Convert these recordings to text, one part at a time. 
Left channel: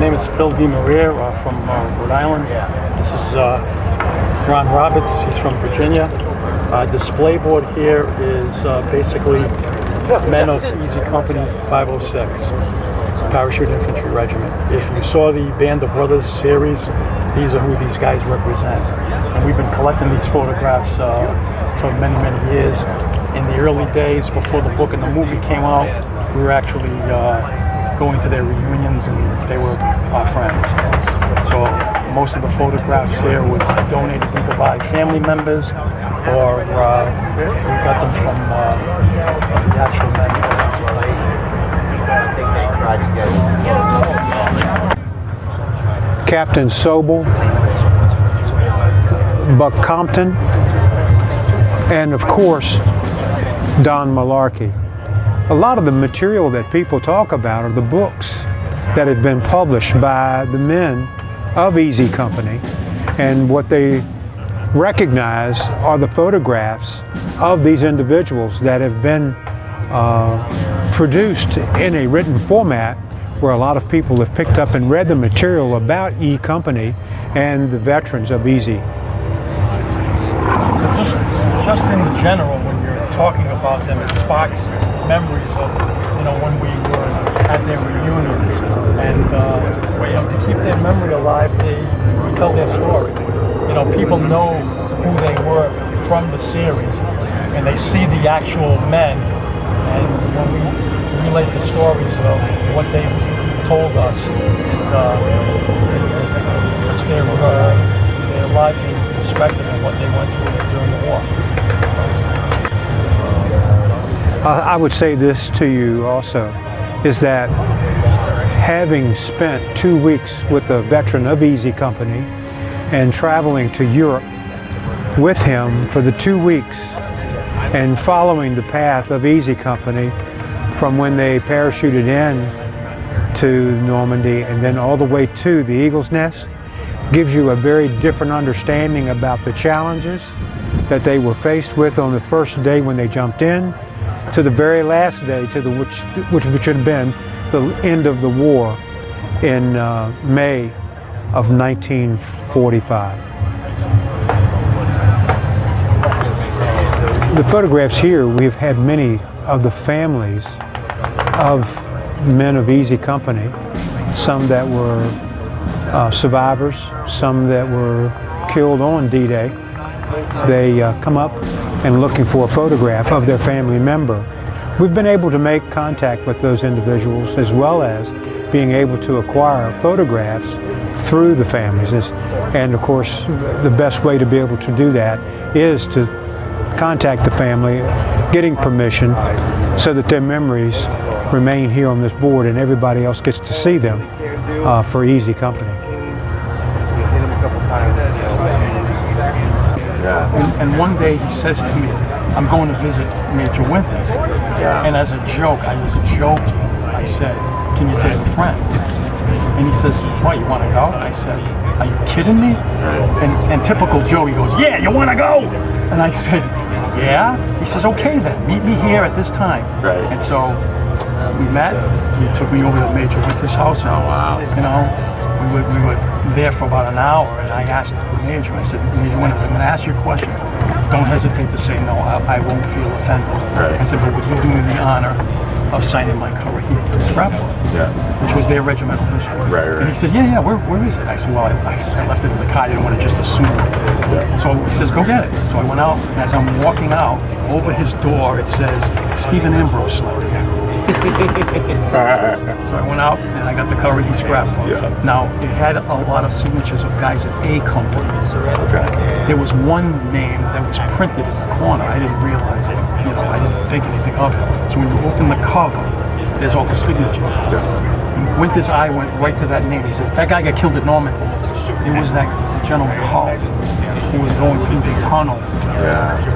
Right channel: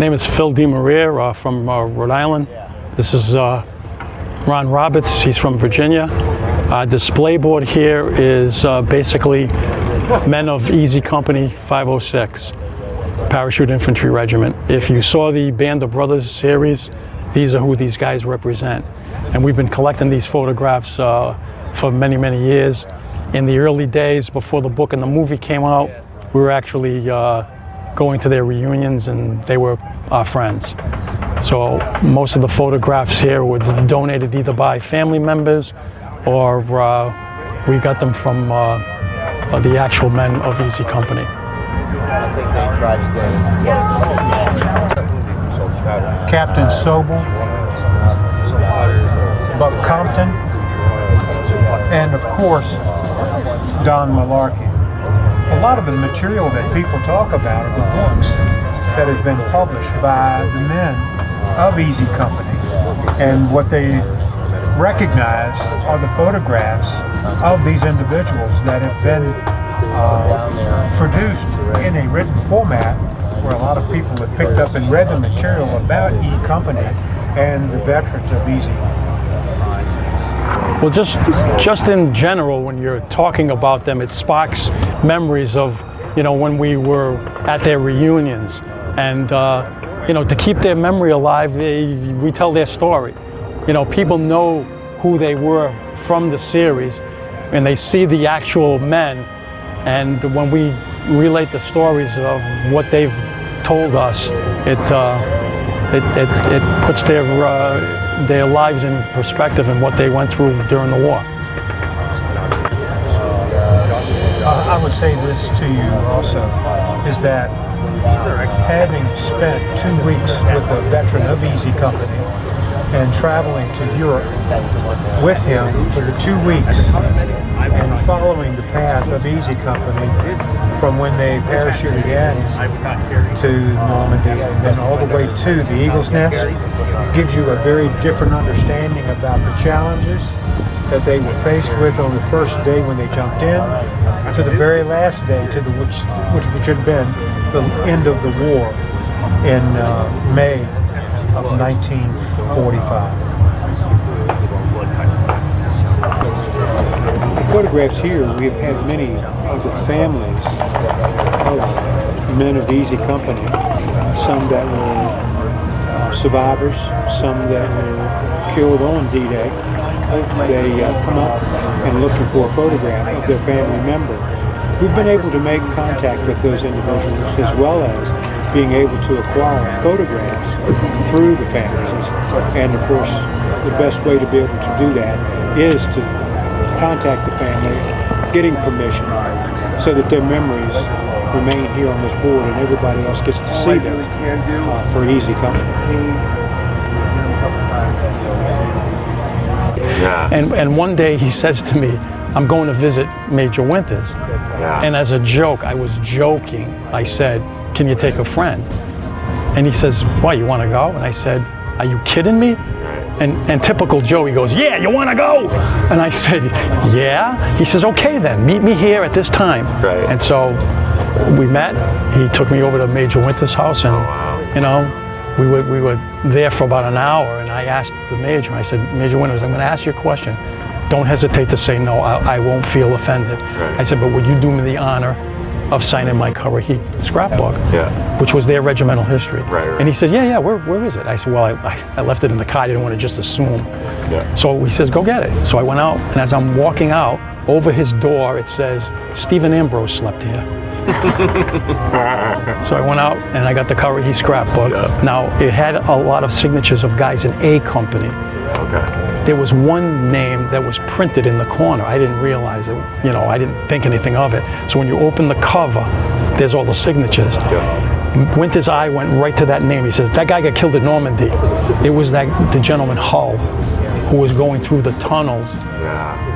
name is Phil DeMaria from Rhode Island. This is Ron Roberts, he's from Virginia. Display board here is basically men of Easy Company 506, Parachute Infantry Regiment. If you saw the Band of Brothers series, these are who these guys represent. And we've been collecting these photographs for many, many years. In the early days, before the book and the movie came out, we were actually going to their reunions, and they were our friends. So most of the photographs here were donated either by family members or we got them from the actual men of Easy Company. Captain Sobel, Buck Compton, and of course, Don Malarkey. A lot of the material that people talk about are the books that have been published by the men of Easy Company, and what they recognize are the photographs of these individuals that have been produced in a written format where a lot of people have picked up and read the material about E Company and the veterans of Easy. Well, just in general, when you're talking about them, it sparks memories of, you know, when we were at their reunions, and you know, to keep their memory alive, we tell their story. You know, people know who they were from the series, and they see the actual men, and when we relate the stories of what they've told us, it puts their lives in perspective and what they went through during the war. I would say this to you also, is that having spent 2 weeks with a veteran of Easy Company and traveling to Europe with him for the 2 weeks and following the path of Easy Company from when they parachuted in to Normandy and then all the way to the Eagle's Nest, gives you a very different understanding about the challenges that they were faced with on the first day when they jumped in, to the very last day, to the which had been the end of the war in May of 1945. The photographs here, we've had many of the families of men of Easy Company, some that were survivors, some that were killed on D-Day. They come up and looking for a photograph of their family member. We've been able to make contact with those individuals, as well as being able to acquire photographs through the families. And of course, the best way to be able to do that is to contact the family, getting permission, so that their memories remain here on this board and everybody else gets to see them for Easy Company. Yeah. And one day he says to me, I'm going to visit Major Winters. Yeah. And as a joke, I was joking. I said, can you take a friend? And he says, what, you want to go? I said, are you kidding me? And typical Joe, he goes, yeah, you want to go? And I said, yeah. He says, okay then, meet me here at this time. Right. And so we met. He took me over to Major Winters' house, and you know, we were there for about an hour. And I asked the Major, I said, Major Winters, I'm going to ask you a question. Don't hesitate to say no. I won't feel offended. Right. I said, but would you do me the honor of signing my Currahee scrapbook, which was their regimental history? Right. And he said, yeah, where is it? I said, well, I left it in the car. I didn't want to just assume. Yeah. So he says, go get it. So I went out, and as I'm walking out, over his door, it says, Stephen Ambrose slept here. So I went out, and I got the Currahee scrapbook. Yeah. Now, it had a lot of signatures of guys in A Company. Okay. There was one name that was printed in the corner. I didn't realize it. You know, I didn't think anything of it. So when you open the cover, there's all the signatures. Winter's eye went right to that name. He says, that guy got killed at Normandy. It was the gentleman Hull, who was going through the tunnel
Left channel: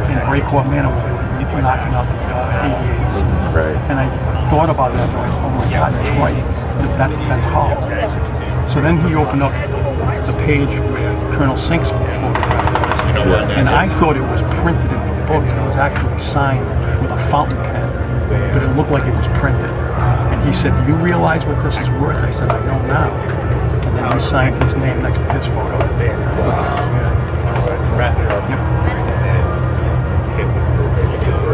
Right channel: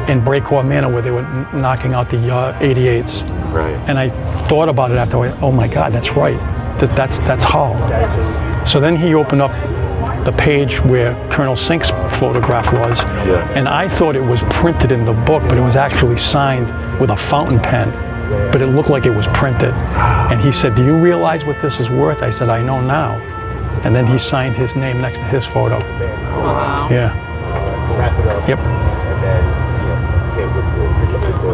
in Breakout Manor where they were knocking out the 88s. Right. And I thought about it after I went, oh my God, that's right. That's Hull. So then he opened up the page where Colonel Sink's photograph was. And I thought it was printed in the book, but it was actually signed with a fountain pen. But it looked like it was printed. And he said, do you realize what this is worth? I said, I know now. and then he signed his name next to his photo. Yeah. Yep.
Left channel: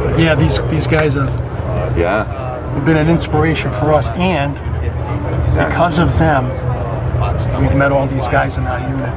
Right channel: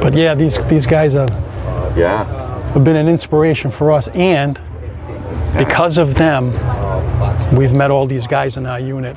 But yeah, these guys have been an inspiration for us, and because of them, we've met all these guys in our unit.